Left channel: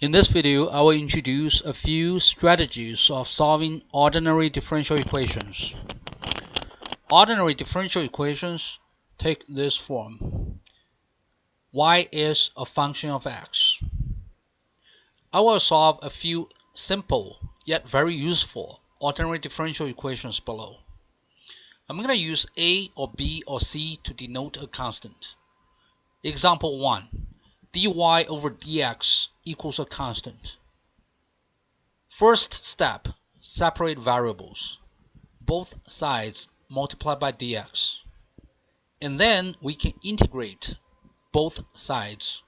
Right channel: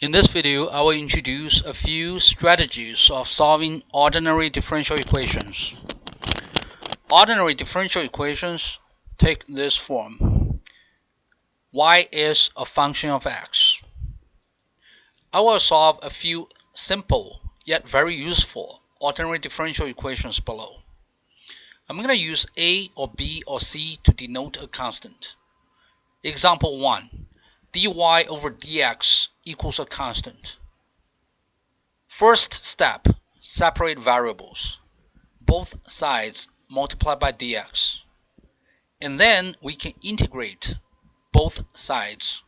In this video, I will introduce a few strategies of solving ordinary differential equations. Ordinary differential equations take this form. Y is a function of x. I will solve a few simple yet very useful ordinary differential equations below. I'm going to use A or B or C to denote a constant. Example 1. dy over dx equals a constant. First step, separate variables. Both sides multiply by dx. And then we can integrate both sides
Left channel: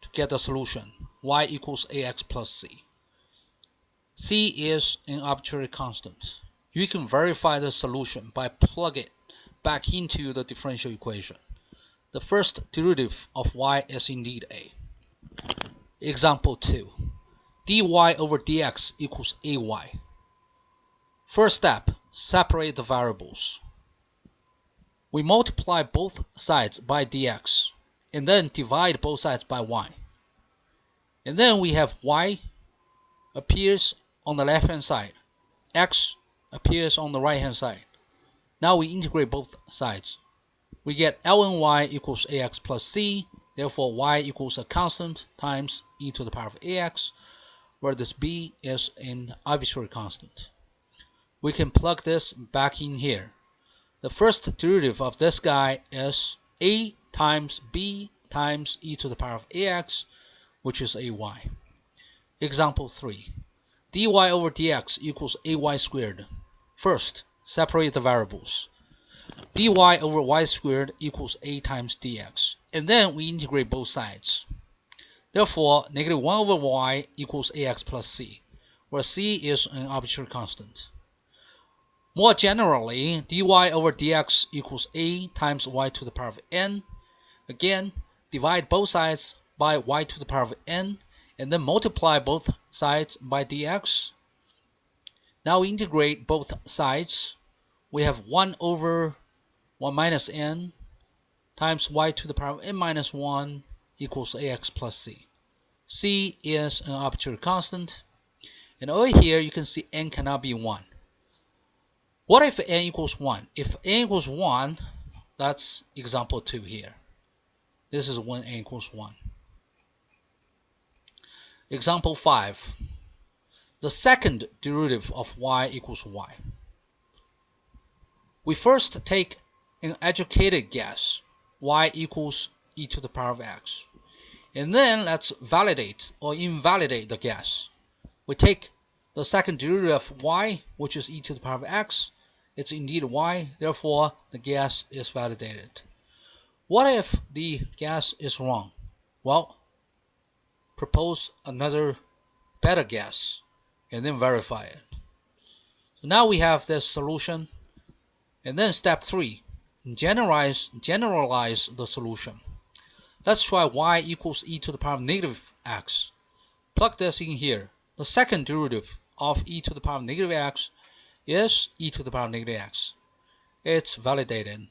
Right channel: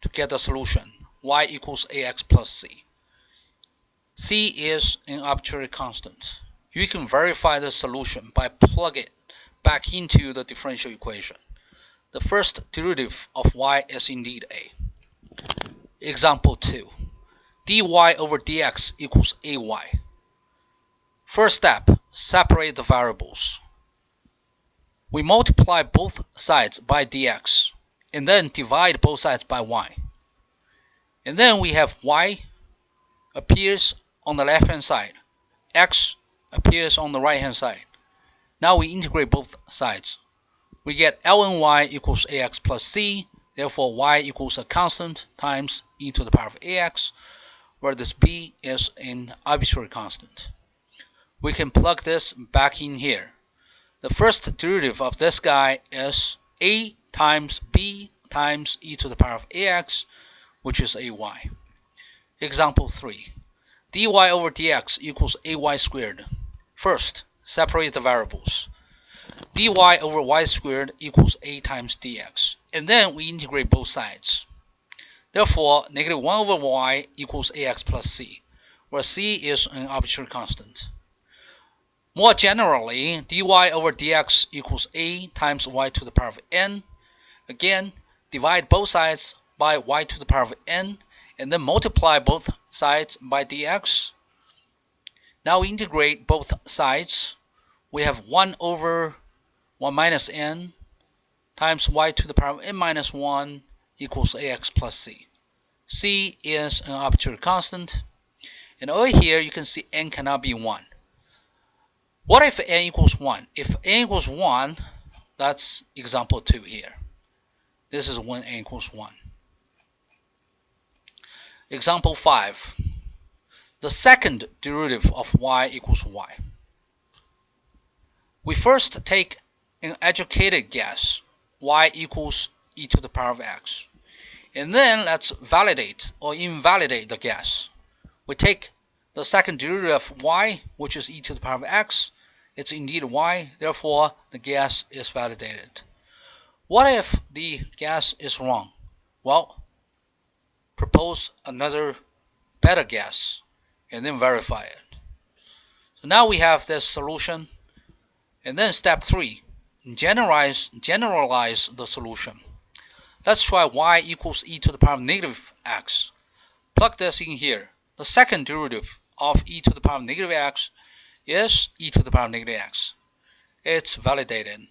to get the solution. Y equals ax plus c. C is an arbitrary constant. You can verify the solution by plugging it back into the differential equation. The first derivative of y is indeed a. Example 2. dy over dx equals ay. First step, separate the variables. We multiply both sides by dx, and then divide both sides by y. And then we have y appears on the left-hand side, x appears on the right-hand side. Now we integrate both sides. We get ln equals ax plus c, therefore y equals a constant times e to the power of ax, where this b is an arbitrary constant. We can plug this back in here. The first derivative of this guy is a times b times e to the power of ax, which is ay. Example 3. dy over dx equals ay squared. First, separate the variables. dy over y squared equals a times dx. And then we integrate both sides. Therefore, negative 1 over y equals ax plus c, where c is an arbitrary constant. More generally, dy over dx equals a times y to the power of n. Again, divide both sides by y to the power of n, and then multiply both sides by dx. Now we integrate both sides. We have 1 over 1 minus n times y to the power of n minus 1 equals ax plus c. C is an arbitrary constant. And over here, you can see n cannot be 1. What if n equals 1? If n equals 1, that's example 2 here. This is when n equals 1. Example 5. The second derivative of y equals y. We first take an educated guess, y equals e to the power of x. And then let's validate or invalidate the guess. We take the second derivative of y, which is e to the power of x. It's indeed y, therefore the guess is validated. What if the guess is wrong? Well, propose another better guess and then verify it. So now we have this solution. And then step 3, generalize the solution. Let's try y equals e to the power of negative x. Plug this in here. The second derivative of e to the power of negative x is e to the power of negative x. It's validated.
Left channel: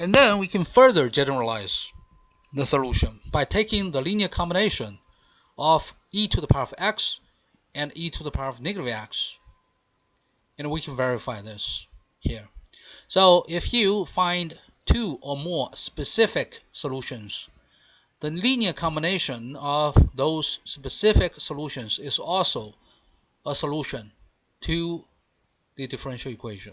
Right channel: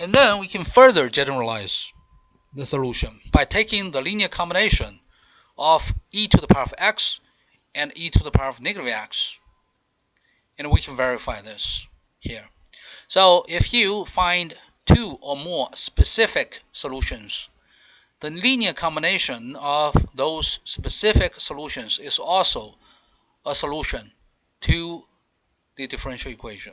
And then we can further generalize the solution by taking the linear combination of e to the power of x and e to the power of negative x. And we can verify this here. So if you find 2 or more specific solutions, the linear combination of those specific solutions is also a solution to the differential equation.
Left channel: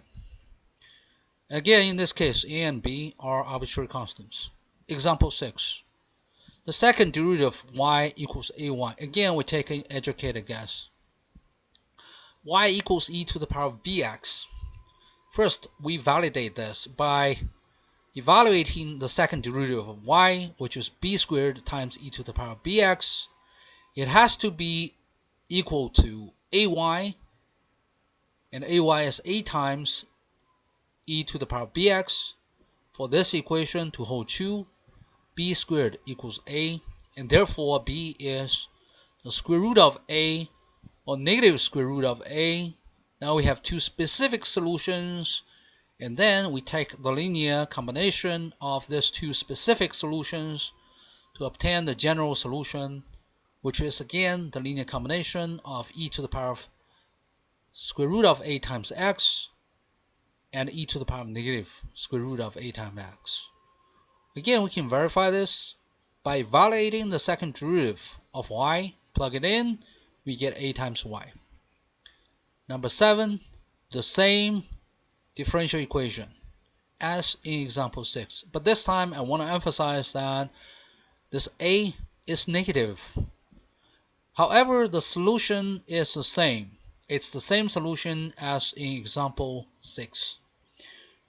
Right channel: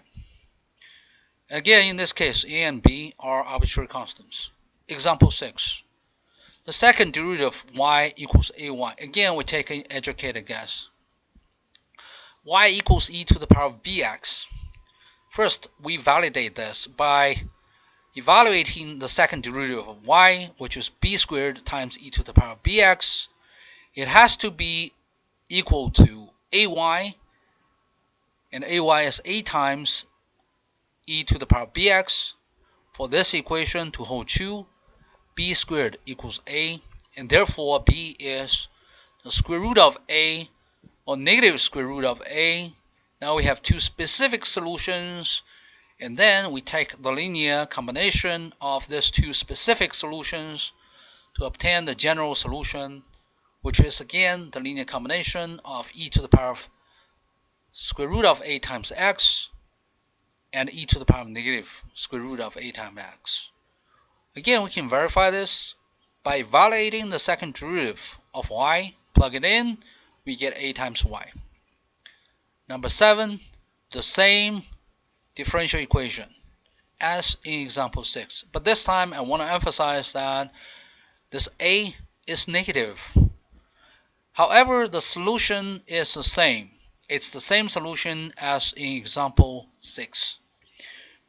Again, in this case, a and b are arbitrary constants. Example 6. The second derivative of y equals ay. Again, we take an educated guess. Y equals e to the power of bx. First, we validate this by evaluating the second derivative of y, which is b squared times e to the power of bx. It has to be equal to ay, and ay is a times e to the power of bx. For this equation to hold true, b squared equals a, and therefore b is the square root of a, or negative square root of a. Now we have 2 specific solutions, and then we take the linear combination of these 2 specific solutions to obtain the general solution, which is again the linear combination of e to the power of square root of a times x and e to the power of negative square root of a times x. Again, we can verify this by evaluating the second derivative of y, plug it in, we get a times y. Number 7, the same differential equation as in example 6. But this time I want to emphasize that this a is negative. However, the solution is the same. It's the same solution as in example 6.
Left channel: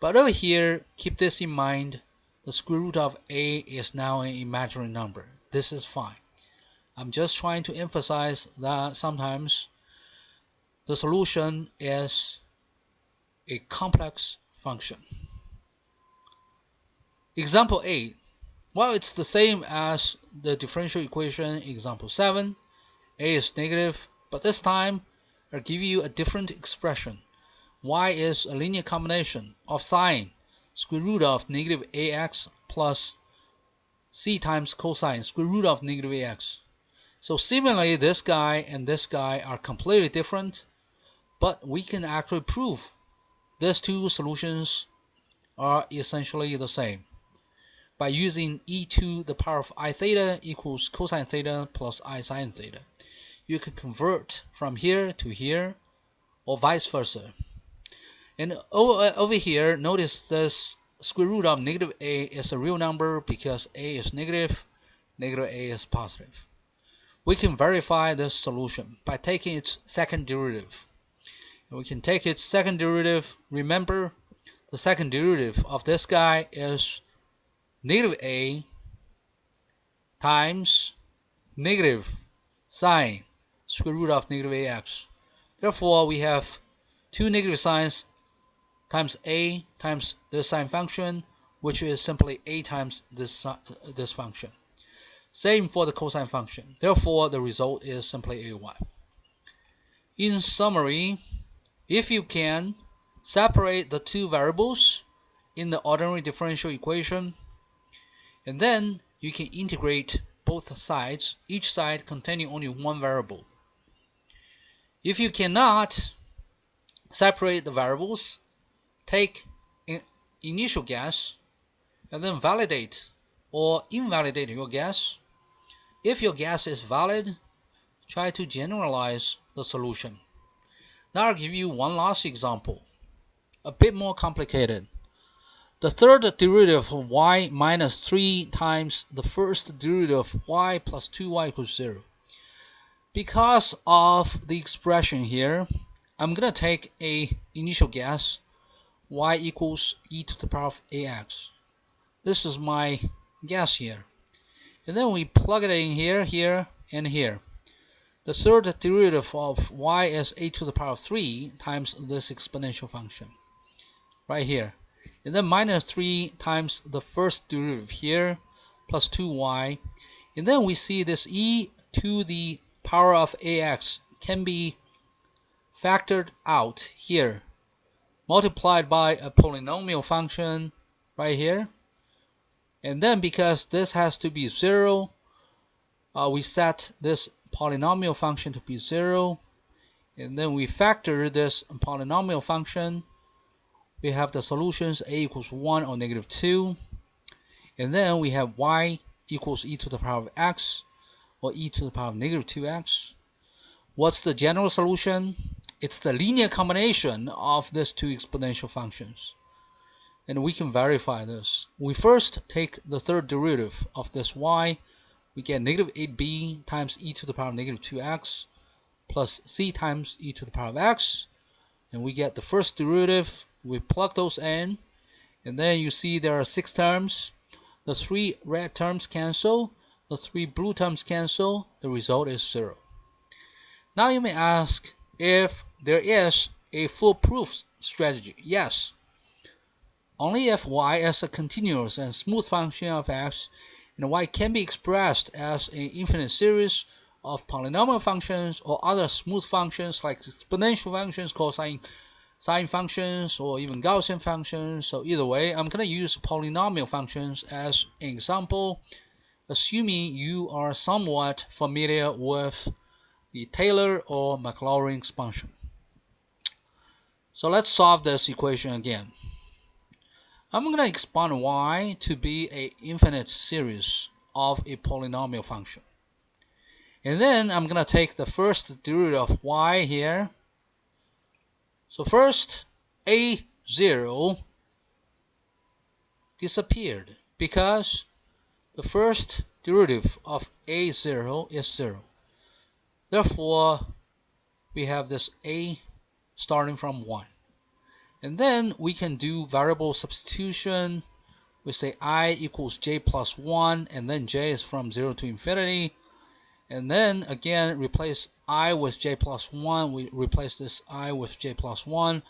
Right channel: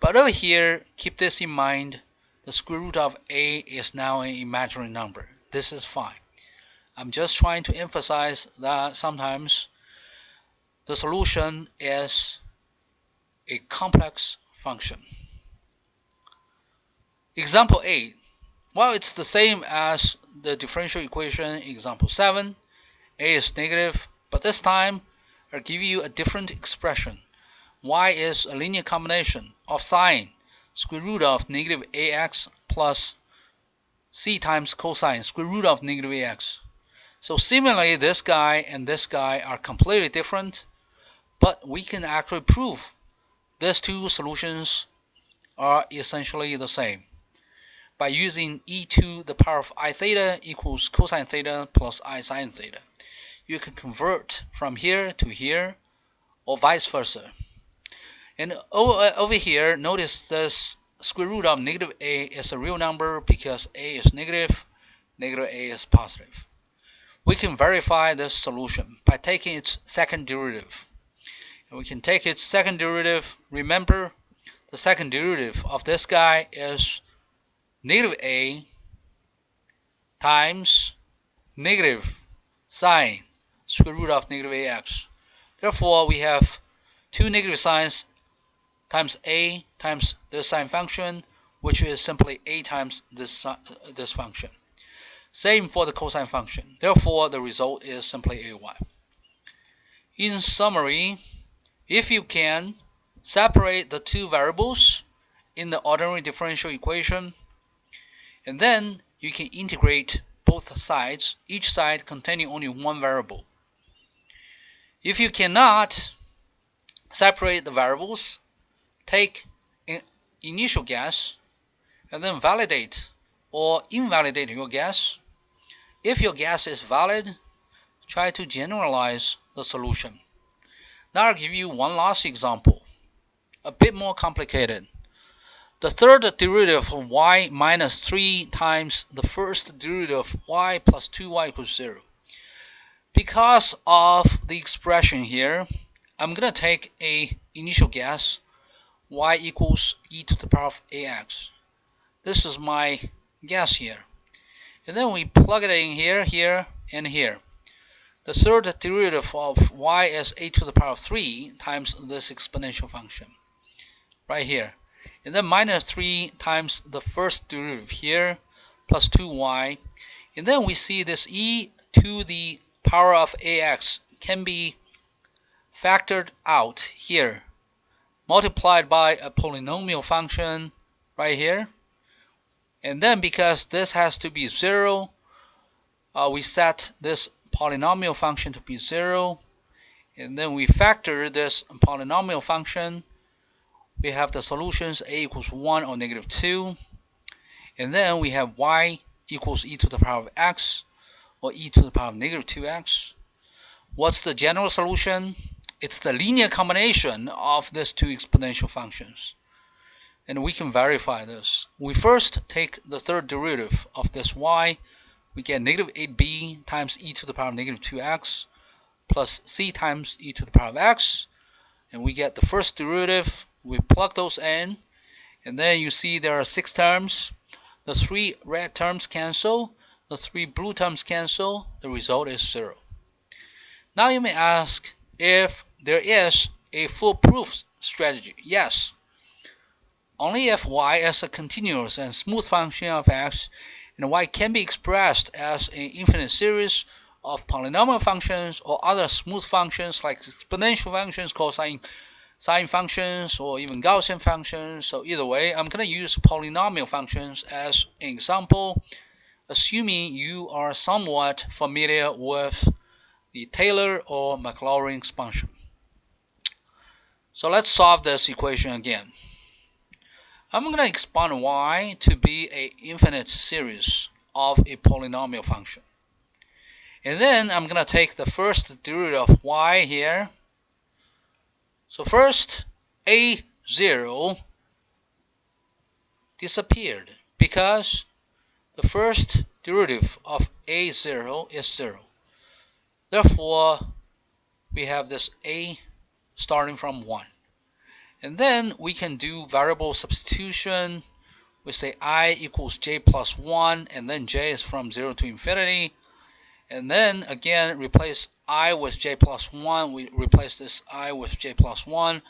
But over here, keep this in mind, the square root of a is now an imaginary number. This is fine. I'm just trying to emphasize that sometimes the solution is a complex function. Example 8. Well, it's the same as the differential equation example 7. A is negative, but this time I'll give you a different expression. Y is a linear combination of sine square root of negative ax plus c times cosine square root of negative ax. So similarly, this guy and this guy are completely different, but we can actually prove these two solutions are essentially the same by using e to the power of I theta equals cosine theta plus I sine theta. You can convert from here to here or vice versa. And over here, notice this square root of negative a is a real number because a is negative, negative a is positive. We can verify this solution by taking its second derivative. And we can take its second derivative. Remember, the second derivative of this guy is negative a times negative sine square root of negative ax. Therefore, we have two negative signs times a times this sine function, which is simply a times this function. Same for the cosine function. Therefore, the result is simply ay. In summary, if you can separate the two variables in the ordinary differential equation, and then you can integrate both sides, each side containing only one variable. If you cannot separate the variables, take an initial guess and then validate or invalidate your guess. If your guess is valid, try to generalize the solution. Now I'll give you one last example, a bit more complicated. The third derivative of y minus 3 times the first derivative of y plus 2y equals 0. Because of the expression here, I'm going to take an initial guess, y equals e to the power of ax. This is my guess here. And then we plug it in here, here, and here. The third derivative of y is a to the power of 3 times this exponential function right here. And then minus 3 times the first derivative here, plus 2y. And then we see this e to the power of ax can be factored out here, multiplied by a polynomial function right here. And then because this has to be 0, we set this polynomial function to be 0. And then we factor this polynomial function. We have the solutions a equals 1 or negative 2. And then we have y equals e to the power of x or e to the power of negative 2x. What's the general solution? It's the linear combination of these two exponential functions. And we can verify this. We first take the third derivative of this y. We get negative 8b times e to the power of negative 2x plus c times e to the power of x. And we get the first derivative. We plug those in, and then you see there are 6 terms. The 3 red terms cancel, the 3 blue terms cancel. The result is 0. Now you may ask if there is a foolproof strategy. Yes. Only if y is a continuous and smooth function of x, and y can be expressed as an infinite series of polynomial functions or other smooth functions like exponential functions, cosine sine functions, or even Gaussian functions. So either way, I'm going to use polynomial functions as an example. assuming you are somewhat familiar with the Taylor or Maclaurin expansion. So let's solve this equation again. I'm going to expand y to be an infinite series of a polynomial function. And then I'm going to take the first derivative of y here. So first, a0 disappeared because the first derivative of a0 is 0. Therefore, we have this a starting from 1. And then we can do variable substitution. We say I equals j plus 1, and then j is from 0 to infinity. And then again, replace I with j plus 1. We replace this I with j plus 1.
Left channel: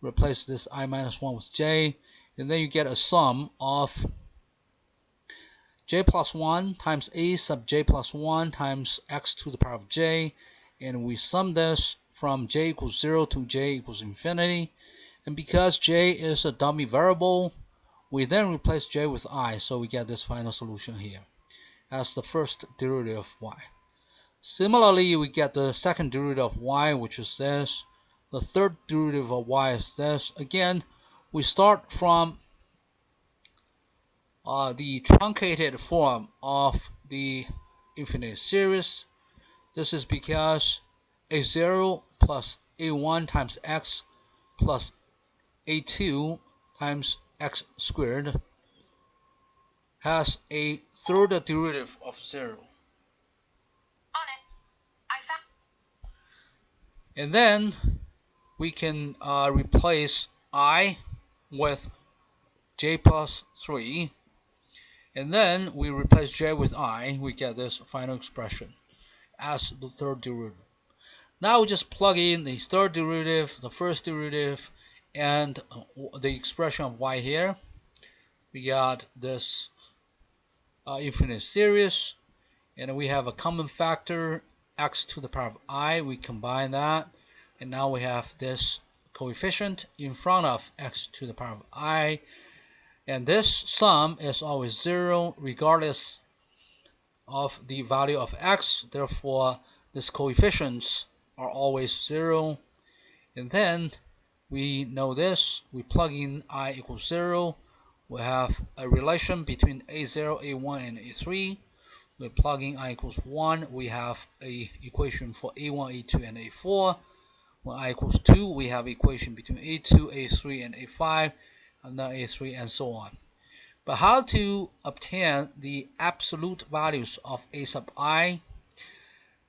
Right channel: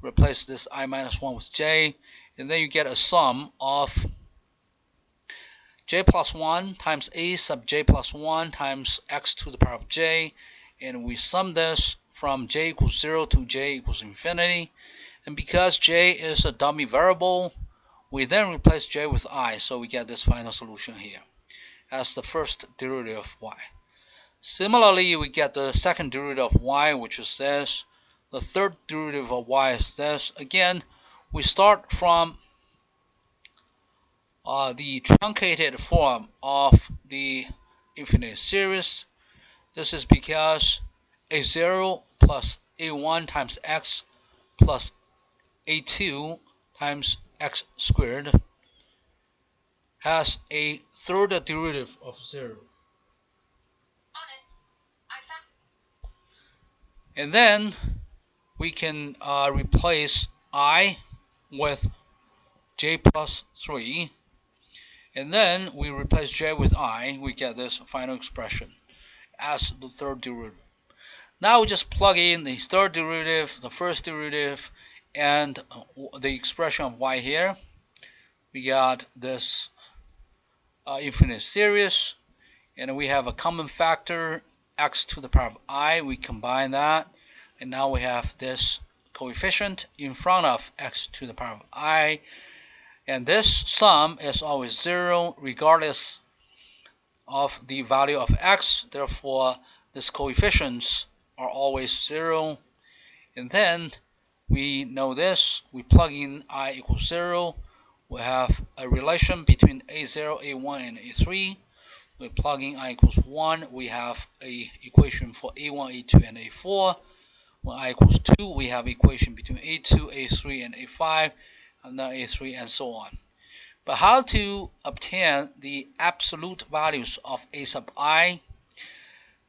Replace this I minus 1 with j. And then you get a sum of j plus 1 times a sub j plus 1 times x to the power of j. And we sum this from j equals 0 to j equals infinity. And because j is a dummy variable, we then replace j with I. So we get this final solution here as the first derivative of y. Similarly, we get the second derivative of y, which is this. The third derivative of y is this. Again, we start from the truncated form of the infinite series. This is because a0 plus a1 times x plus a2 times x squared has a third derivative of 0. And then we can replace I with j plus 3. And then we replace j with I. We get this final expression as the third derivative. Now we just plug in the third derivative, the first derivative, and the expression of y here. We got this infinite series, and we have a common factor x to the power of I. We combine that, and now we have this coefficient in front of x to the power of I. And this sum is always 0 regardless of the value of x. Therefore, these coefficients are always 0. And then we know this. We plug in I equals 0. We have a relation between a0, a1, and a3. We plug in I equals 1. We have a equation for a1, a2, and a4. When I equals 2, we have equation between a2, a3, and a5. And then a3 and so on. But how to obtain the absolute values of a sub I?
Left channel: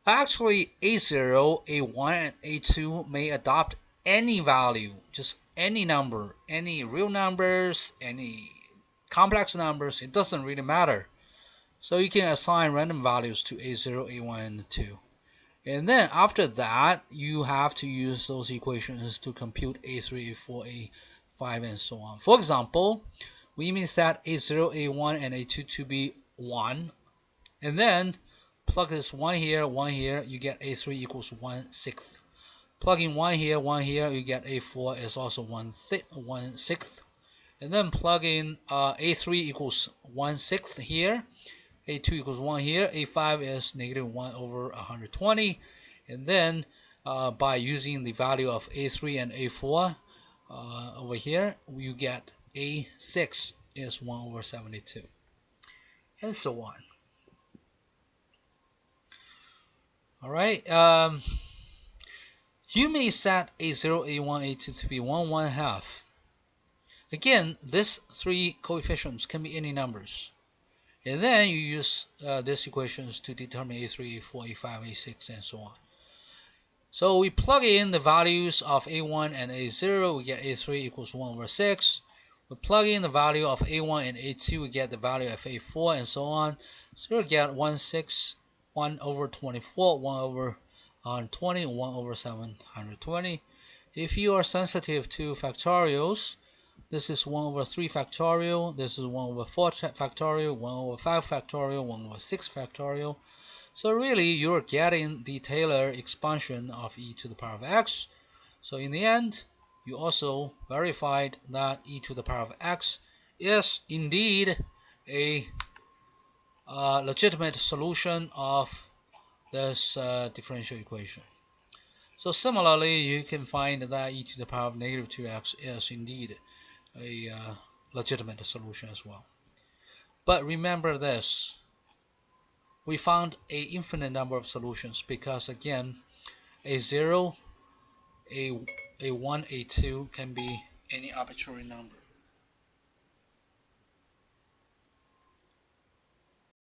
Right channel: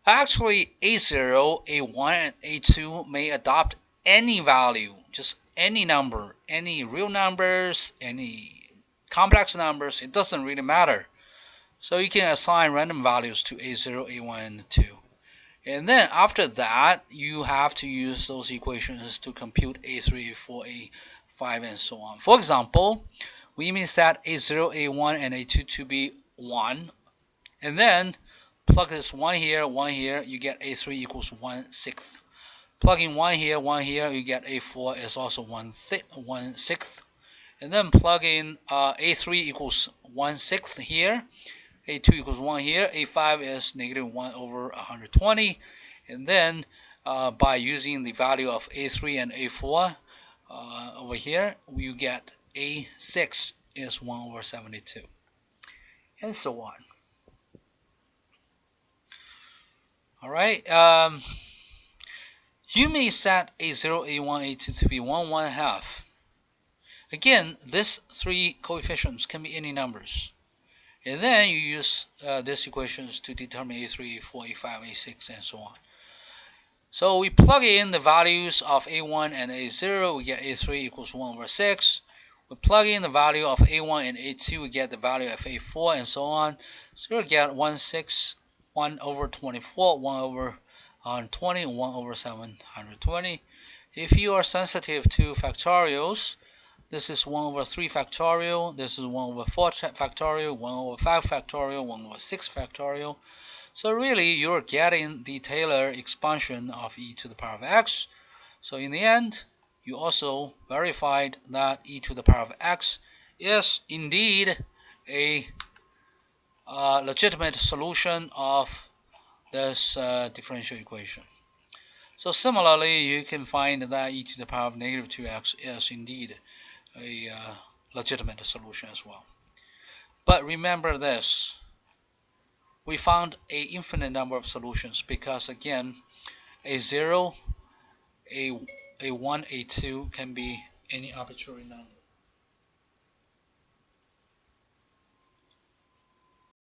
Actually, a0, a1, and a2 may adopt any value, just any number, any real numbers, any complex numbers. It doesn't really matter. So you can assign random values to a0, a1, and 2. And then after that, you have to use those equations to compute a3, a4, a5, and so on. For example, we may set a0, a1, and a2 to be 1. And then plug this 1 here, you get a3 equals 1/6. Plug in 1 here, you get a4 is also 1/6. And then plug in a3 equals 1/6 here. A2 equals 1 here. A5 is negative 1 over 120. And then by using the value of a3 and a4 over here, you get a6 is 1 over 72. And so on. Alright. You may set a0, a1, a2 to be 1, 1/2. Again, these three coefficients can be any numbers. And then you use these equations to determine a3, a4, a5, a6, and so on. So we plug in the values of a1 and a0, we get a3 equals 1 over 6. We plug in the value of a1 and a2, we get the value of a4, and so on. So we get 1/6, 1 over 24, 1 over 120, 1 over 720. If you are sensitive to factorials, this is 1 over 3 factorial, this is 1 over 4 factorial, 1 over 5 factorial, 1 over 6 factorial. So really, you're getting the Taylor expansion of e to the power of x. So in the end, you also verified that e to the power of x is indeed a legitimate solution of this differential equation. So similarly, you can find that e to the power of negative 2x is indeed a legitimate solution as well. But remember this, we found an infinite number of solutions because again, a 0, a 1, a 2 can be any arbitrary number.